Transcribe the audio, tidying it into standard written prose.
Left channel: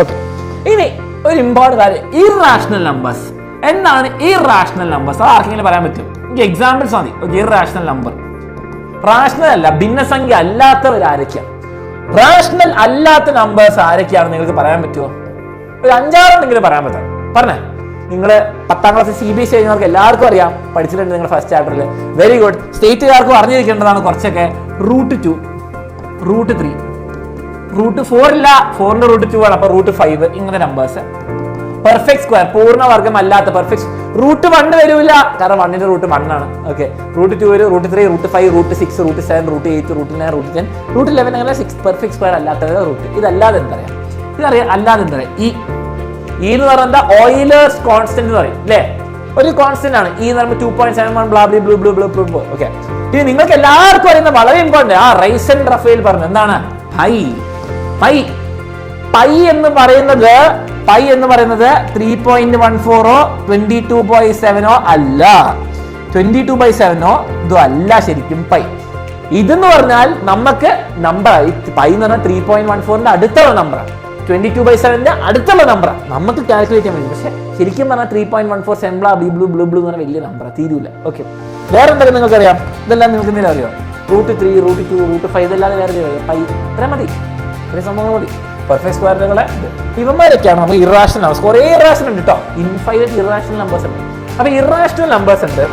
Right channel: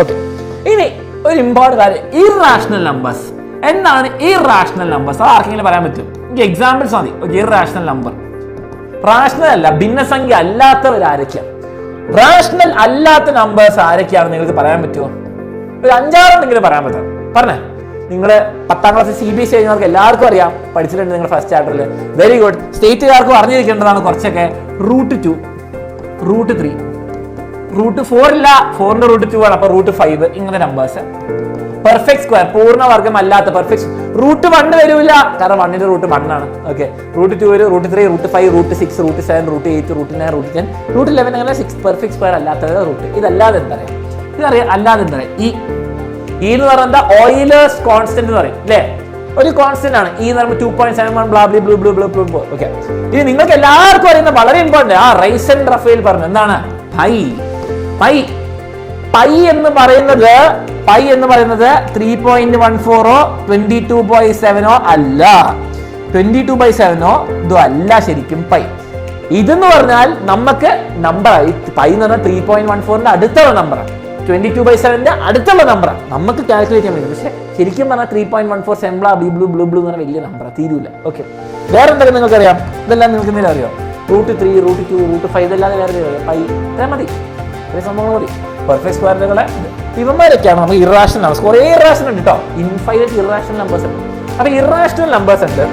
Okay, ഇനി ഒരു important കാര്യം, ഇറാഷണൽ നമ്പേഴ്സ്. എന്താണ് ഇറാഷണൽ നമ്പേഴ്സ്? അത് ആർക്കെങ്കിലും പറയാൻ പറ്റും? എനിക്ക് എക്സാമ്പിൾസ് മതി. ഇറാഷണൽ നമ്പർ, റാഷണൽ അല്ല, ഭിന്നസംഖ്യ അല്ലാത്തവരാരൊക്കെയാണ്? റാഷണൽ അല്ലാത്ത നമ്പേഴ്സ് ആരൊക്കെയാണ് നിങ്ങൾക്ക് പറയാൻ പറ്റുമോ? ഒരു 5-6 പറയാൻ പറ്റാം, പറഞ്ഞേ. നിങ്ങൾ 10ാം ക്ലാസ് CBSE കഴിഞ്ഞവർക്ക് എല്ലാവർക്കും അറിയാം, പഠിച്ചിട്ടുണ്ട് നിങ്ങൾ ഫസ്റ്റ് ചാപ്റ്ററിൽ. Very good. സ്റ്റേറ്റുകാർക്ക് അറിഞ്ഞിരിക്കേണ്ടതാണ് കുറച്ചൊക്കെ. √2, √3, √4 ഇല്ല, 4ന്റെ √2 ആണ്, അപ്പൊ √5, ഇങ്ങനെ നമ്പേഴ്സ്. പെർഫെക്റ്റ് സ്ക്വയർ, പൂർണ്ണവർഗം അല്ലാത്ത പെർഫെക്റ്റ്. √1 വരൂല, കാരണം 1ന്റെ √1 ആണ്. ഓക്കെ, √2 വരും, √3, √5, √6, √7, √8, √9, √10, √11, അങ്ങനെ 6 പെർഫെക്റ്റ് സ്ക്വയർ അല്ലാത്ത റൂട്ട്. ഇതല്ലാതെ എന്താ പറയാം? ഇതറിയാം. അല്ലാതെ എന്താ ഈ എന്ന് പറയുന്നത് ഓയിലേഴ്സ് കോൺസ്റ്റന്റ് എന്ന് പറയും അല്ലേ? ഒരു കോൺസ്റ്റന്റ് ആണ് ഈ എന്ന് പറയുമ്പോൾ 2.71 ഓക്കെ. ഇനി നിങ്ങൾക്ക് എല്ലാവർക്കും അറിയുന്ന വളരെ ഇമ്പോർട്ടന്റ് റൈസൻ റഫേൽ പറഞ്ഞു എന്താണ് പൈ. പൈ പൈ എന്ന് പറയുന്നത് 3.14 22/7 അല്ല, 22/7 ഇതും അല്ല ശരിക്കും പൈ. ഇതെന്ന് പറഞ്ഞാൽ നമുക്ക് നമ്പർ പൈ എന്ന് പറഞ്ഞാൽ 3.14 അടുത്തുള്ള നമ്പറാണ്, 22/7 അടുത്തുള്ള നമ്പറാണ്, നമുക്ക് കാൽക്കുലേറ്റ് ചെയ്യാൻ പറ്റും. പക്ഷെ ശരിക്കും പറഞ്ഞാൽ 3.14 സെംബ്ലാ ബ്ലൂ ബ്ലൂ ബ്ലൂ എന്ന് പറഞ്ഞാൽ വലിയ നമ്പറാണ്, തീരൂല. ഓക്കെ, വേറെ എന്തൊക്കെ നിങ്ങൾക്ക് അറിയാം? ഇതെല്ലാം നിങ്ങൾക്ക് എന്തെങ്കിലും അറിയോ? √3, √2, √5 ഇതല്ലാതെ വേറെ പൈ മതി, സംഭവം മതി. പെർഫെക്റ്റ് സ്ക്വയറുകള് ഇവന്മാരൊക്കെയാണ് നമുക്ക് ഇറാഷണൽ നമ്പേഴ്സ്. കുറേ ഇറാഷണൽ ഉണ്ട് കേട്ടോ, ഇൻഫൈനൈറ്റ് ഇറാഷണൽ നമ്പേഴ്സ് ഉണ്ട്. അപ്പൊ ഇറാഷണൽ നമ്പേഴ്സ് ഉണ്ട്.